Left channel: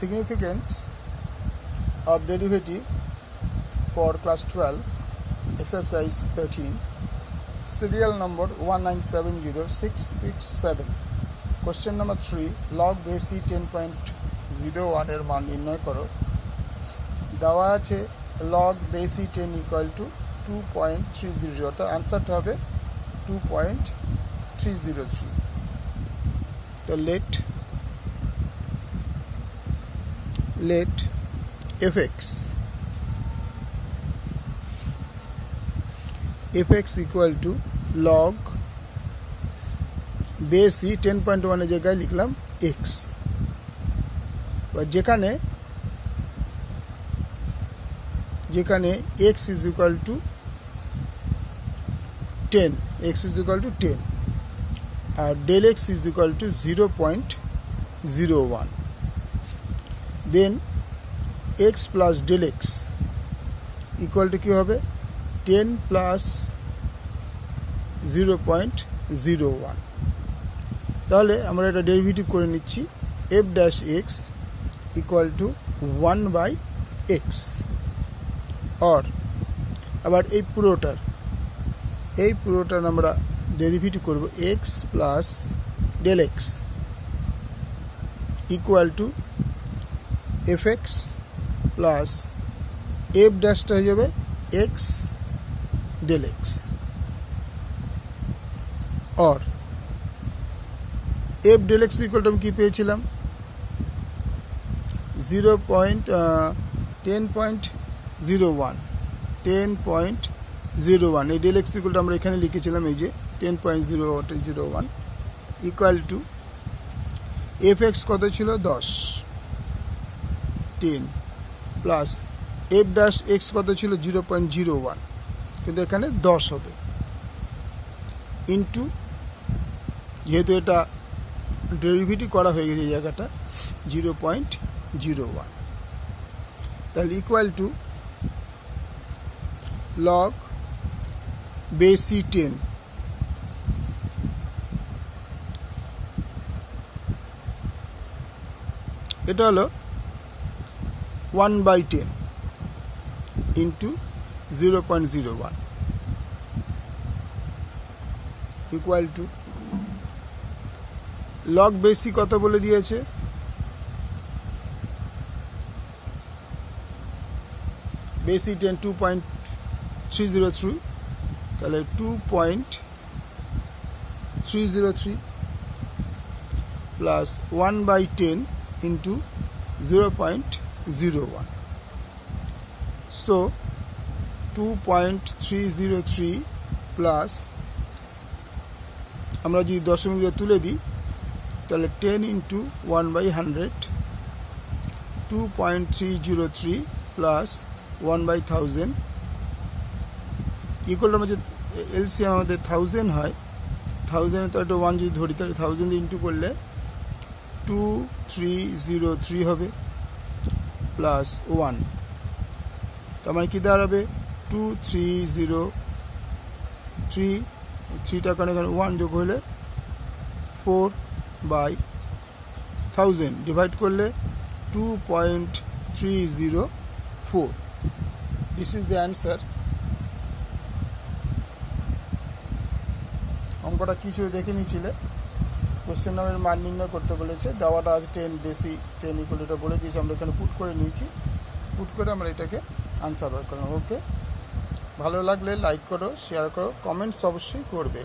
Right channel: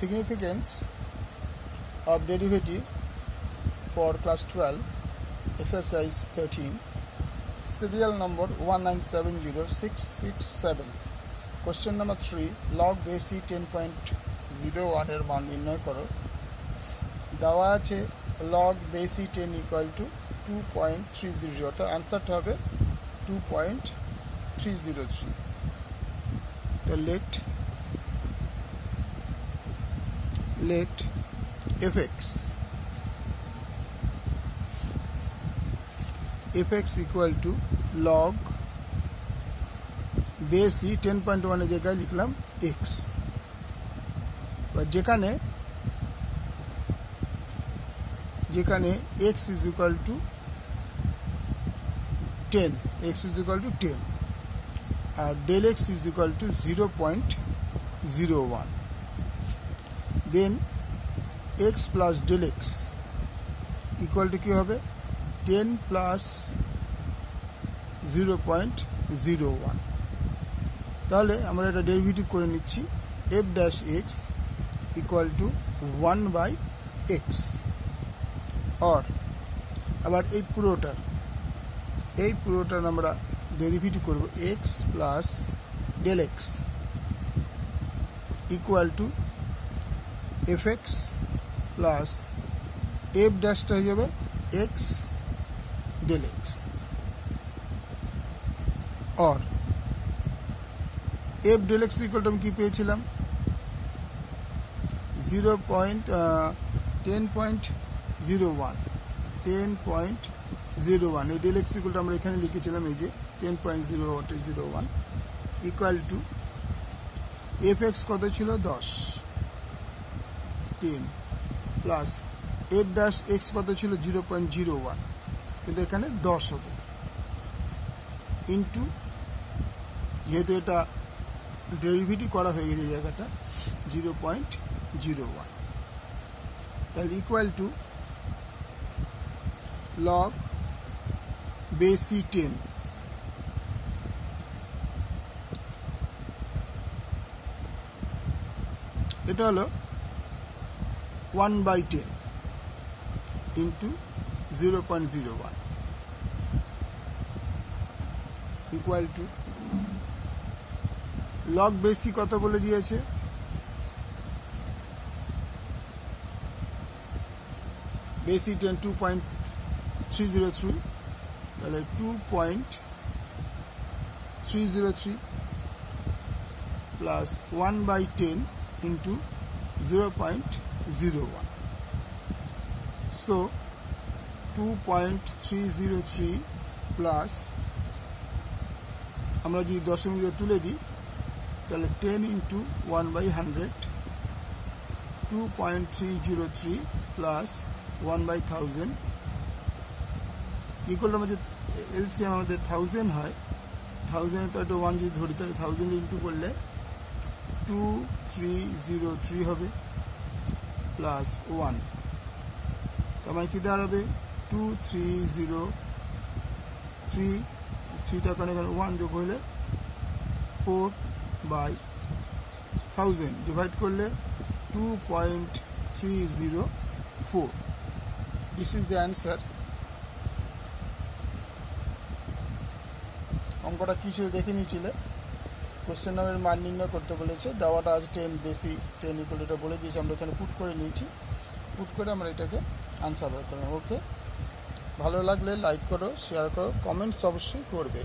Significance of derivative for class 12, exercise 13, serial number 1970667. Question number 3, log base 10.01 এর মান নির্ণয় করো। দেওয়া আছে log base 10 equal to 2.300, অর্থাৎ আনসারটা হবে 2.303. তো let fx equal to log base 10.1 এর জায়গায় লিখলাম x, যেখানে x is equal to 10, R del x is equal to 0.01. then x plus del x equal to কি হবে 10 plus 0.01. তাহলে আমরা এটা ডেরিভেটিভ করে নিচ্ছি f dash x equal to 1 by x, or আবার এই পুরোটার আমরা ডেরিভেটিভ করব x plus del x equal to fx plus f dash হয়ে যাবে x del x, or f del x equal to আমি কি পেয়েছিলাম 10.01. এই del x equal to আমরা এখানে লিখেছিলাম এই যে 10.01 equal to fx কত ছিল 10 প্লাস f dash x কত ছিল 0.01, কিন্তু এখানে 10 হবে, ইনটু যেহেতু এটা ডেরিভেটিভ করা হয়ে গেছে এই জায়গাটা 0.01, তাহলে ইকুয়াল টু log base 10 এটা হলো 1 by 10 into 0.01 equal to log base কত বলে দিয়েছে base 10 2.303, তাহলে 2.303 plus 1 by 10 into 0.01. So 2.303 plus আমরা যদি দশমিক দিয়ে তুলে দিই তাহলে 10 into 1 by 100, 2.303 plus 1 by 1000 equal আমাদের এলসিএম আমাদের 1000 হয়, 1000 তো একটা 1 যদি ধরি তাহলে 1000 ইন্টু করলে 2303 হবে প্লাস 1, তো আমার কি দাঁড়াবে 2303, 3টা কারণে 1 যোগ হলে 4 by 1000 ডিভাইড করলে 2.304. This is the answer. অঙ্কটা কিছু দেখে নিয়েছিলে, কোশ্চেন নামের মান নির্ণয় করতে বলেছে, দেওয়াটা আছে 10 বেশি 10 ইকুয়াল এটা বলে দিয়েছি, আমরা এখানে পুট করে নিয়েছি, পুট করে আমরা এটাকে আনসার বার করলাম. ওকে, ভালো লাগলে লাইক করো, শেয়ার করো, কমেন্টস অবশ্যই করবে.